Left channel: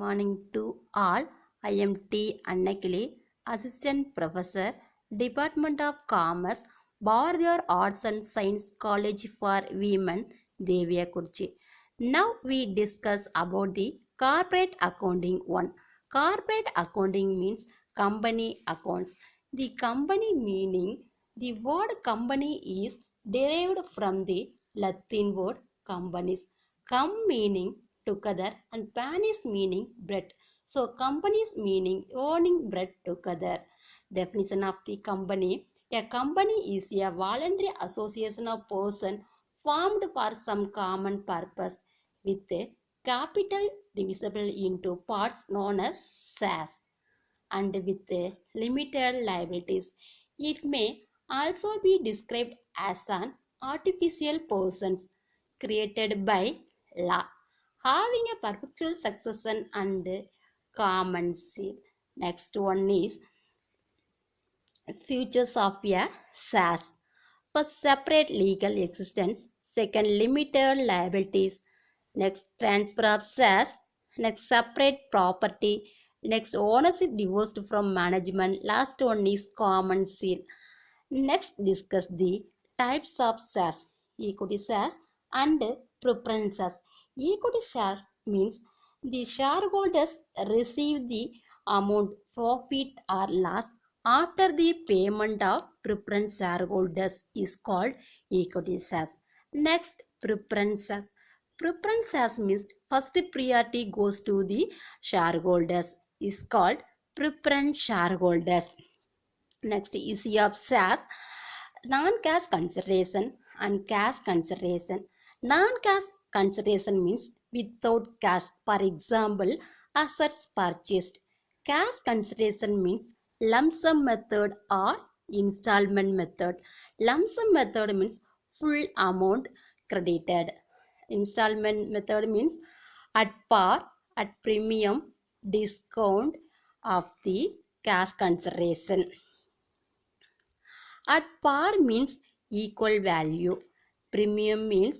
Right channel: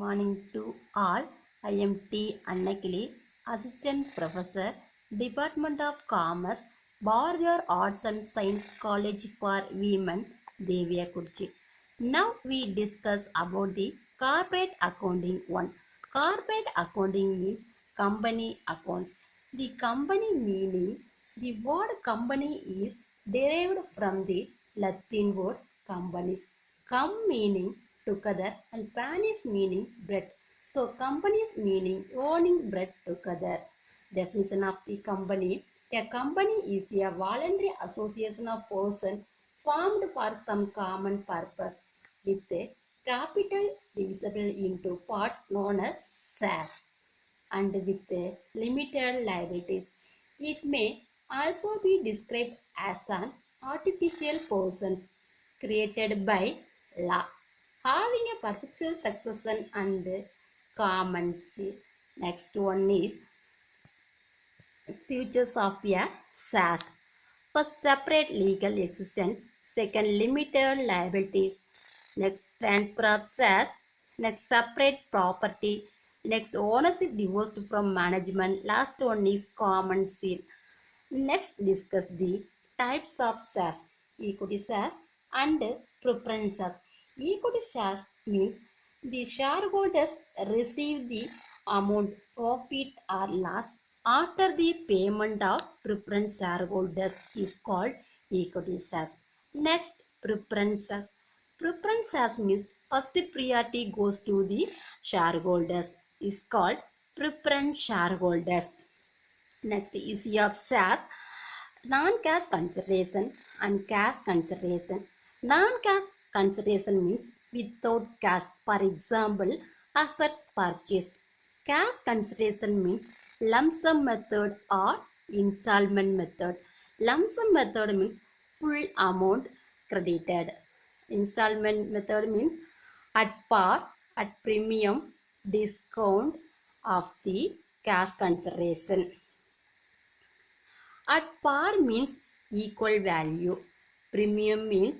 Morning to all. I am T. Annakili, Assistant Professor, Department of Commerce, Bardiyar Arts and Science College for Women, Deviakurchi. Now we discuss about the corporate accounting one. Corporate accounting means company accounts. The company meaning the word company is derived from the Latin word companies. Com meaning together and panis meaning bread. So companies meaning owning bread together. Definition of the company. A company is a voluntary association of persons formed for some common purpose with a capital divisible into parts known as shares and with limited liabilities. It may also be described as an artificial person created by law, having a perpetual succession and common seal. Next one is futures of a SAS. First, separate legal existence. Second, limited liabilities. Next, transfer of SAS. Next, separate property. Next, ownership divorced from management. Last one is common seal. Next, discuss the types of SAS. Equity SAS and preference SAS. Equity share means the shareholders receive the amount profit or loss after the payment of preference shareholders is called equity shares. Next, preference shares. Preference shares means first priority goes to the shareholders is called preference shareholders. Next, issue of shares, non-cash consideration and cash consideration. Non-cash consideration means without cash. For example, assets purchased. Cash consideration means lump sum method or installment method. Lump sum method means full amount credited. Installment method means at par, at premium, discount of the cash consideration. At par means equal value. Premium means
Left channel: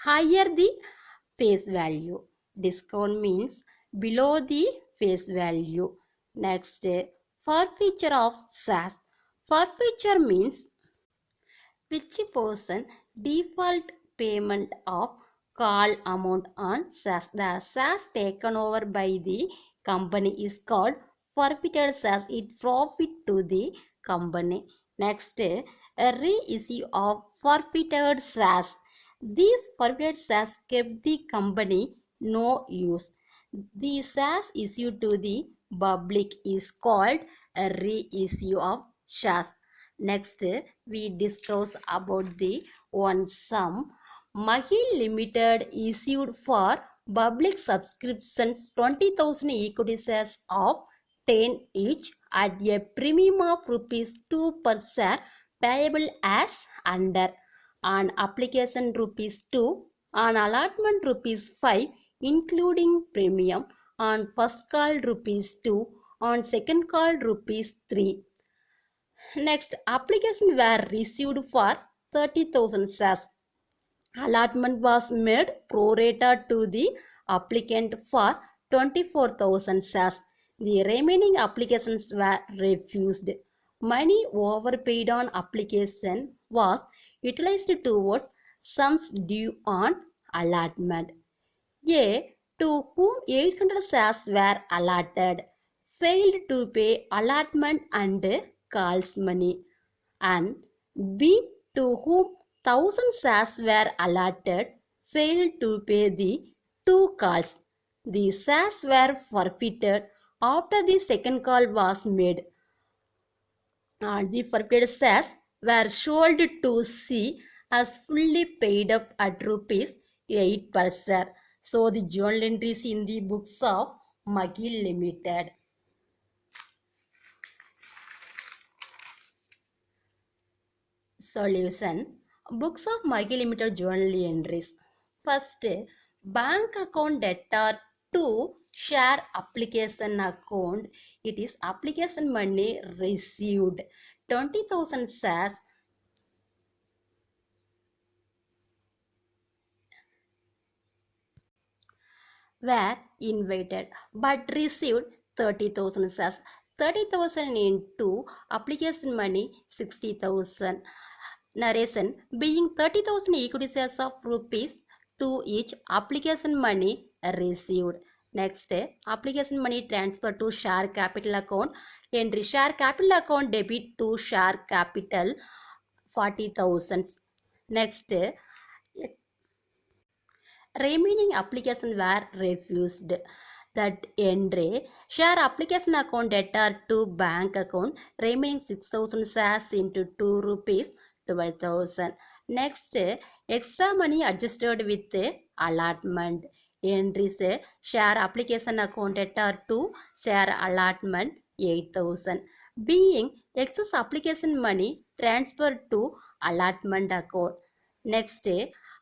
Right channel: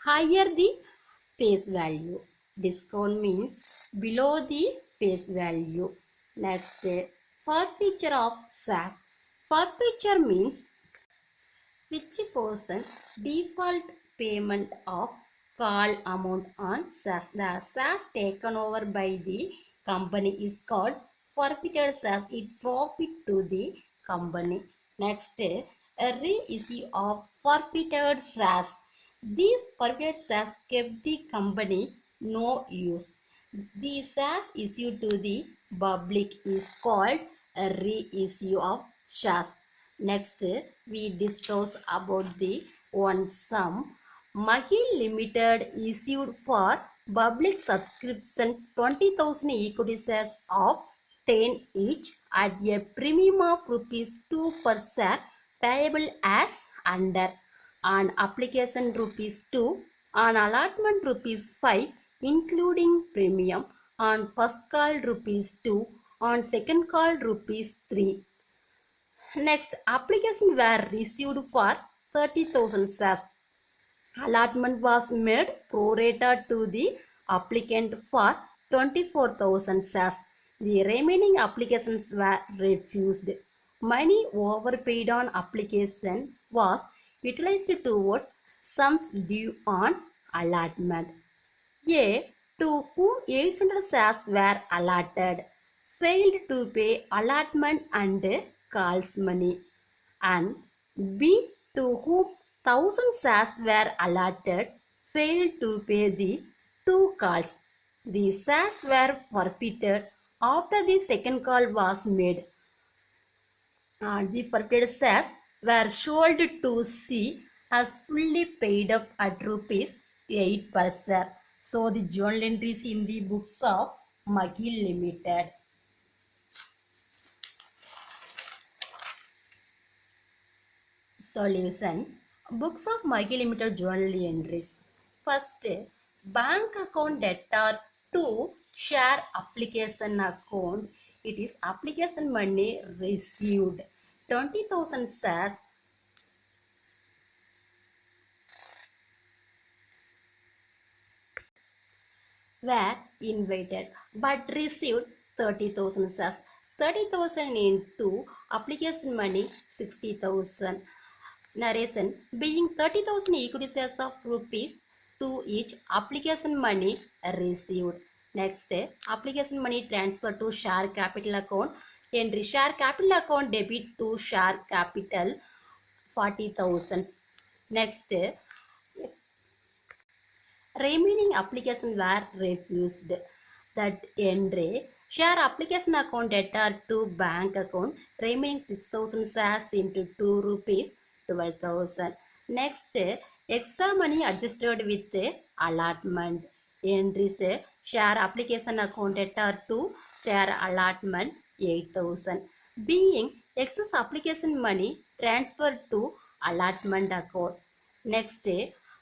higher the face value. Discount means below the face value. Next, forfeiture of SAS. Forfeiture means which person default payment of call amount on SAS. The SAS taken over by the company is called forfeited SAS. It profit to the company. Next, a reissue of forfeited SAS. These forfeited SAS kept the company no use. The SAS issued to the public is called a reissue of SAS. Next, we discuss about the one sum. Mahil Limited issued for public subscriptions 20,000 equity shares of 10 each at a premium of rupees 2 per share payable as under. On application rupees 2, on allotment rupees 5 including premium, on first call rupees 2, on second call rupees 3. Next, application were received for 30,000 shares. Allotment was made pro rata to the applicant for 24,000 shares. The remaining applications were refused. Money overpaid on application was utilized towards sums due on allotment. A, to whom 800 shares were allotted, failed to pay allotment and calls money, and B, to whom 1000 shares were allotted, failed to pay the 2 calls. The shares were forfeited after the second call was made, and the forfeited shares were sold to C as fully paid up at rupees 8 per share. So the journal entries in the books of McGill Limited. Solution. Books of McGill Limited journal entries. First, bank account debtor to share application account. It is application money received. 20,000 shares were invited but received 30,000 shares. 30,000 into application money 60,000. Narration: being 30,000 equity shares of rupees 2 each, application money received. Next, application money transfer to share capital account. Entry: share capital account debit to share capital 40,000. Next, remaining applications were refused. That entry: share application account debtor to bank account, remaining 6,000 shares into 2 rupees 12,000. Next, extra money adjusted with allotment. Entries: share application account debtor to share allotment 8,000. Being excess application money transferred to allotment account. Next,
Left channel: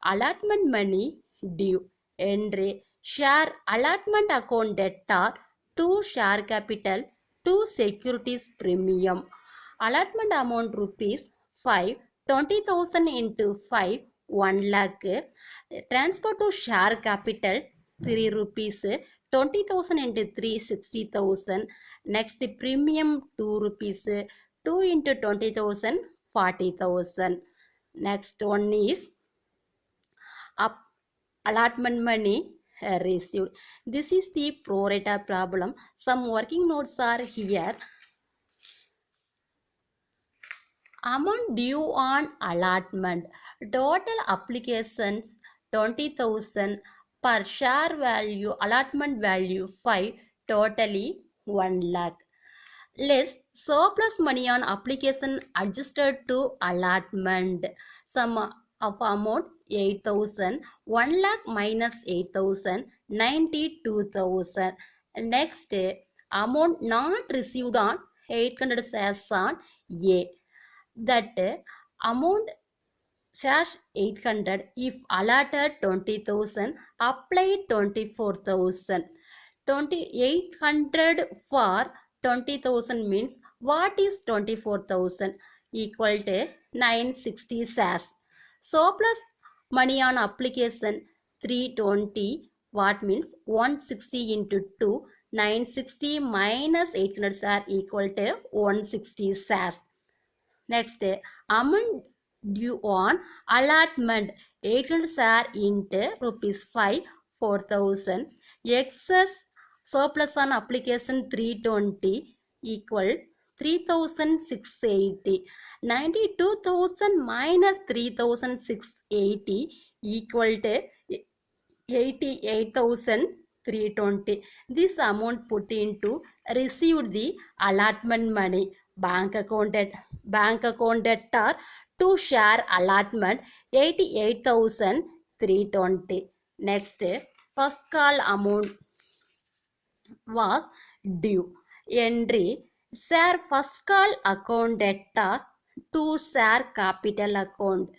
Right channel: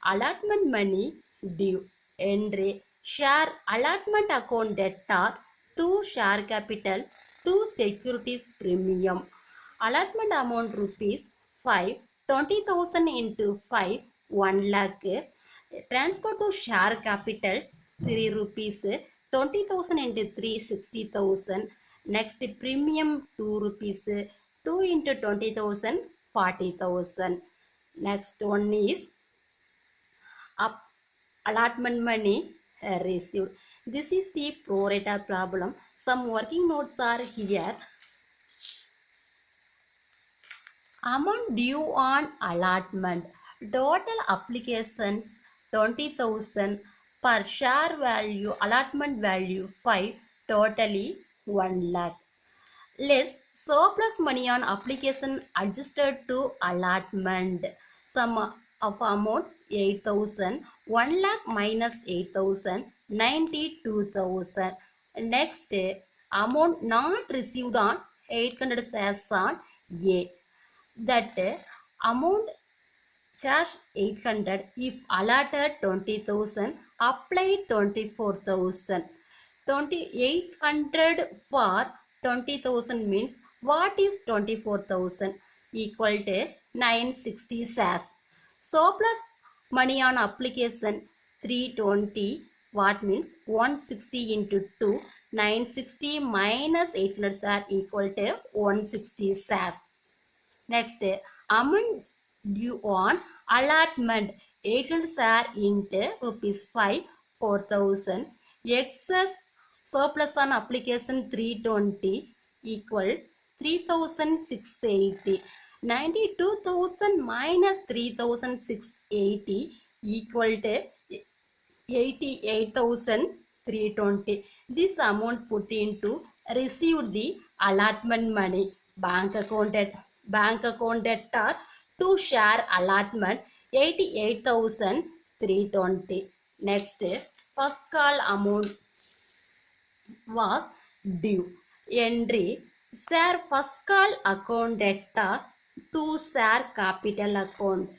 allotment money due. Entry: share allotment account debtor to share capital to securities premium. Allotment amount rupees 5, 20,000 into 5, 1 lakh. Transfer to share capital 3 rupees, 20,000 into 3, 60,000. Next, premium 2 rupees, 2 into 20,000, 40,000. Next one is up allotment money received. This is the pro rata problem. Some working notes are here. Amount due on allotment. Total applications 20,000 per share value. Allotment value 5. Totally 1 lakh. Less surplus money on application adjusted to allotment. Sum of amount 8,000. 1 lakh minus 8,000. 92,000. Next, amount not received on 800 shares on A. That amount charge 800 if allotted 20,000, applied 24,000. 2,800 for 20,000 means what is 24,000? Equal to 960 shares. Surplus money on application 320, what means 160 into 2, 960 minus 800 shares equal to 160 shares. Next, amount due on allotment 800 share into rupees 5, 4,000. Excess surplus on application 320 equal 3,680. 92,000 minus 3,680 equal to 88,320. This amount put into received the allotment money. Bank account debtor to share allotment 88,320. Next, first call amount was due. Entry: share first call account debtor to share capital account.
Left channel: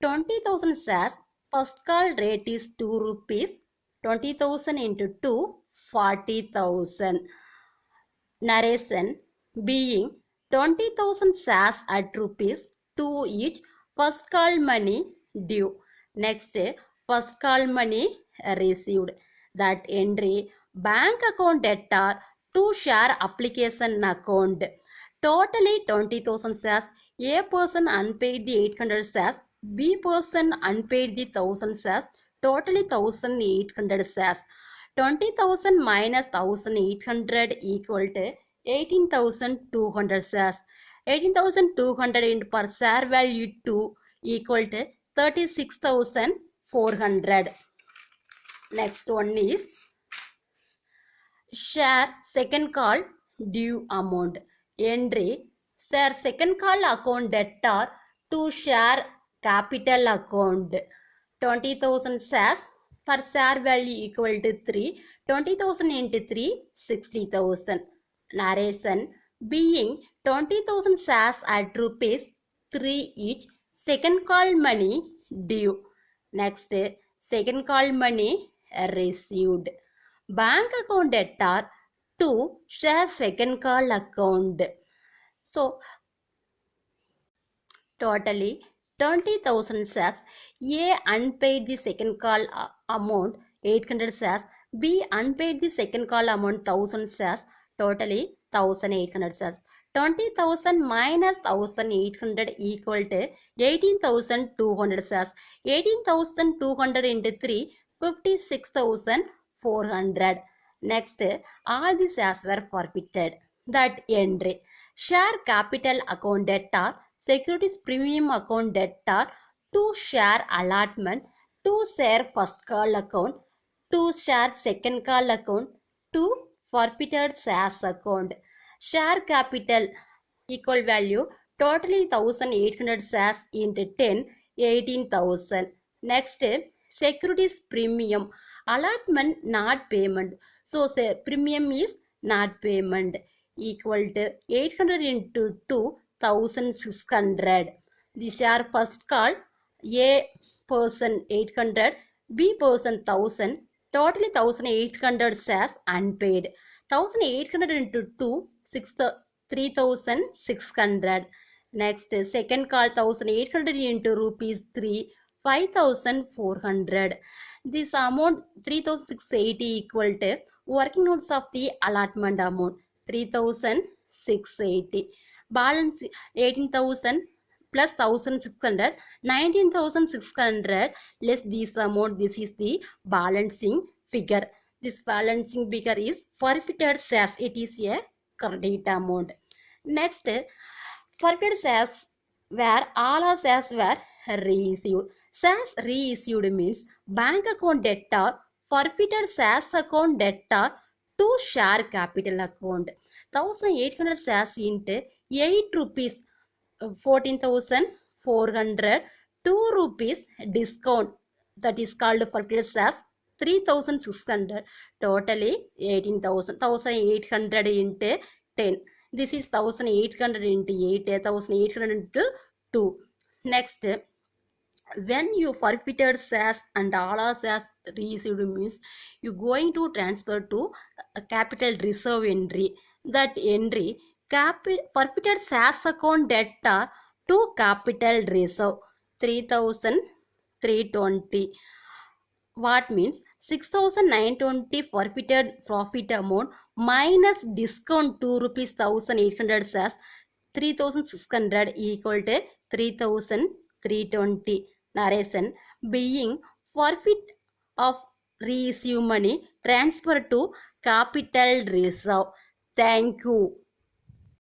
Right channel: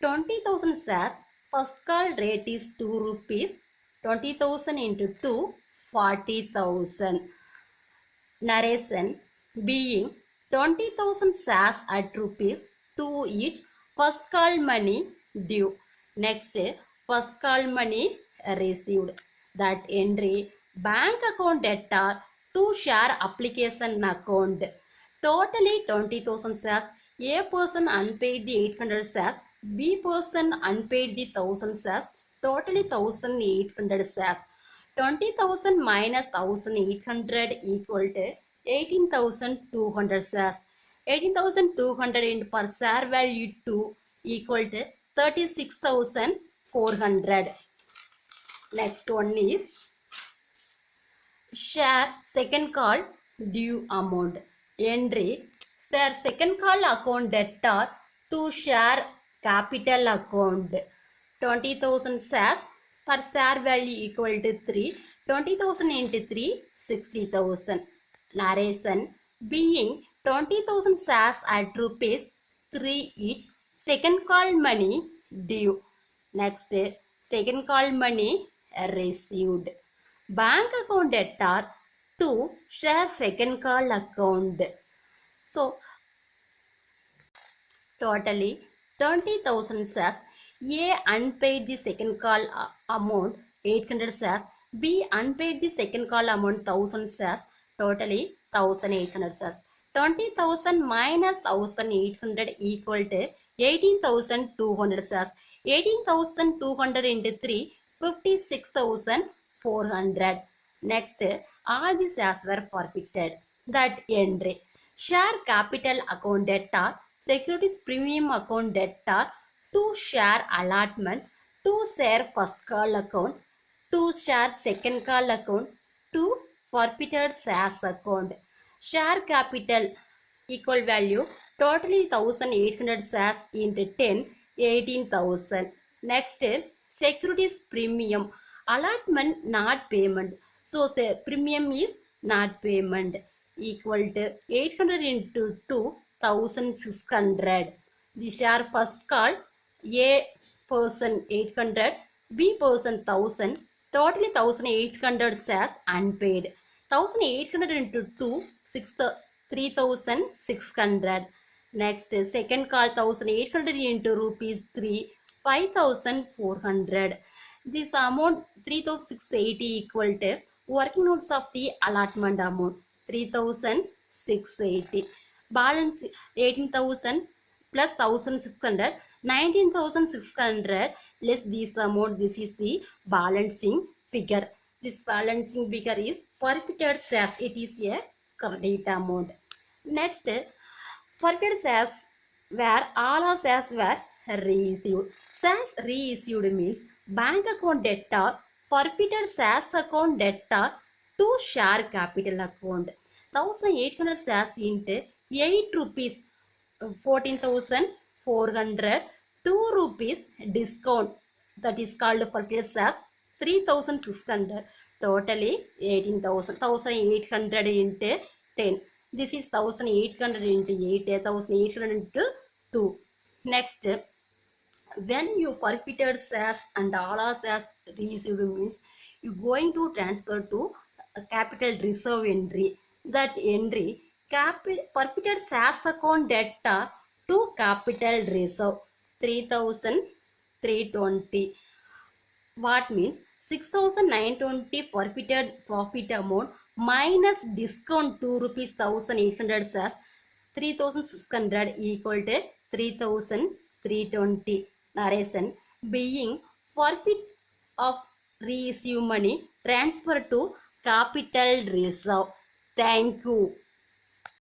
20,000 shares. First call rate is 2 rupees. 20,000 into 2, 40,000. Narration: being 20,000 shares at rupees 2 each. First call money due. Next, first call money received. That entry: bank account debtor to share application account. Totally 20,000 shares. A person unpaid the 800 shares. B person unpaid the 1,000 shares. Totally 1,800 shares. 20,000 minus 1,800 equal to 18,200 shares. 18,200 into per share value 2 equal to 36,400. Next one is share second call due amount. Entry: share second call account debtor to share capital account. 20,000 shares. Per share value equal to 3. 20,000 into 3, 60,000. Narration: being 20,000 shares at rupees 3 each. Second call money due. Next, second call money received. Bank account debtor to share second call account. So, totally 20,000 shares. A unpaid the second call amount 800 shares. B. Unpaid the second call amount 1000 shares, totally 1800 shares. 20,000 minus 1800 equal to 18,200 shares. 18,200 into 3, 56,400. Next, all the shares were forfeited. That entry. Share capital account debtor, securities premium account debtor, 2 share allotment, 2 share first call account, 2 share second call account, 2 forfeited shares account. Share capital equal value totally 1800 shares into 10, 18,000. Next, securities premium allotment not payment. So say premium is not payment equal to 800 into 2, 1600. The share first call A person 800, B person 1000, totally 1800 shares unpaid. 1800 into 2, 3600. Next, second call 1800 into rupees 3, 5400. This amount 3680 equal to working notes of the allotment amount 3680. Balance 18,000 plus 1600, 19,600 less this amount. This is the balancing figure. This balancing figure is forfeited shares. It is a credit amount. Next, forfeited shares where all our shares were reissued. Shares reissued means bank account debtor, forfeited shares account debtor to share capital account. 1800 shares into 8 rupees, 14,400, 2 rupees discount, that is called forfeited shares, 3,600, totally 18,000. 1800 into 10. This is 1800 into 8, 1800 into 2. Next, when you forfeited shares and all our shares received means you going to transfer to a capital reserve entry. That entry forfeited shares account debtor to capital reserve 3,320. What means 6,920 forfeited profit amount minus discount 2 rupees 1800 shares 3,600 equal to 3,320. Narration: being forfeit of reissue money transfer to capital reserve. Thank you.